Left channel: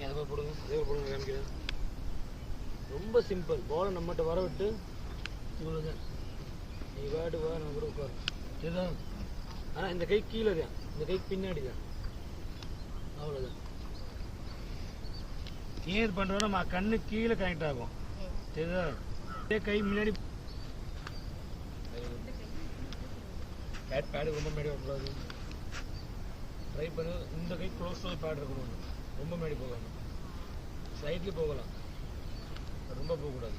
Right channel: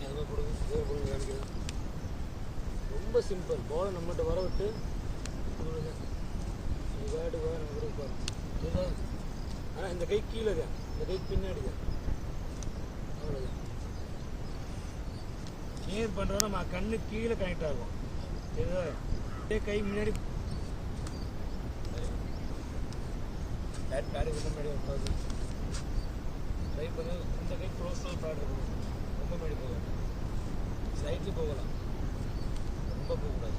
நீங்கள் அதை போடுங்க, அதே போடுங்க காமிக்கிறேன். ரொம்ப சிம்பிள். பாலை நம்மகிட்ட வர விட்டு இவ்வளோதான். நீ வாட்டு வா, நம்ம கூட உட்காரு. இதுதான். ஆனால் இந்த கை கீழே தான், இந்த கை பின்னாடி தான். அவ்வளோதான். ஏன் இது பண்ணுறோன்னா நம்ம கண்ணு கீழே கனெக்ட் ஆகும். சரிதா? இதே கை முன்னாடி பேடு ரொம்ப மேடி வரக்கூடாது. ட்ரை பண்ண இந்த கை க்ளோஸ் பேட் இருக்கணும். ரொம்ப மேடி போகாது. சைட்லேயும் போகலாம், ரொம்ப போகக்கூடாது.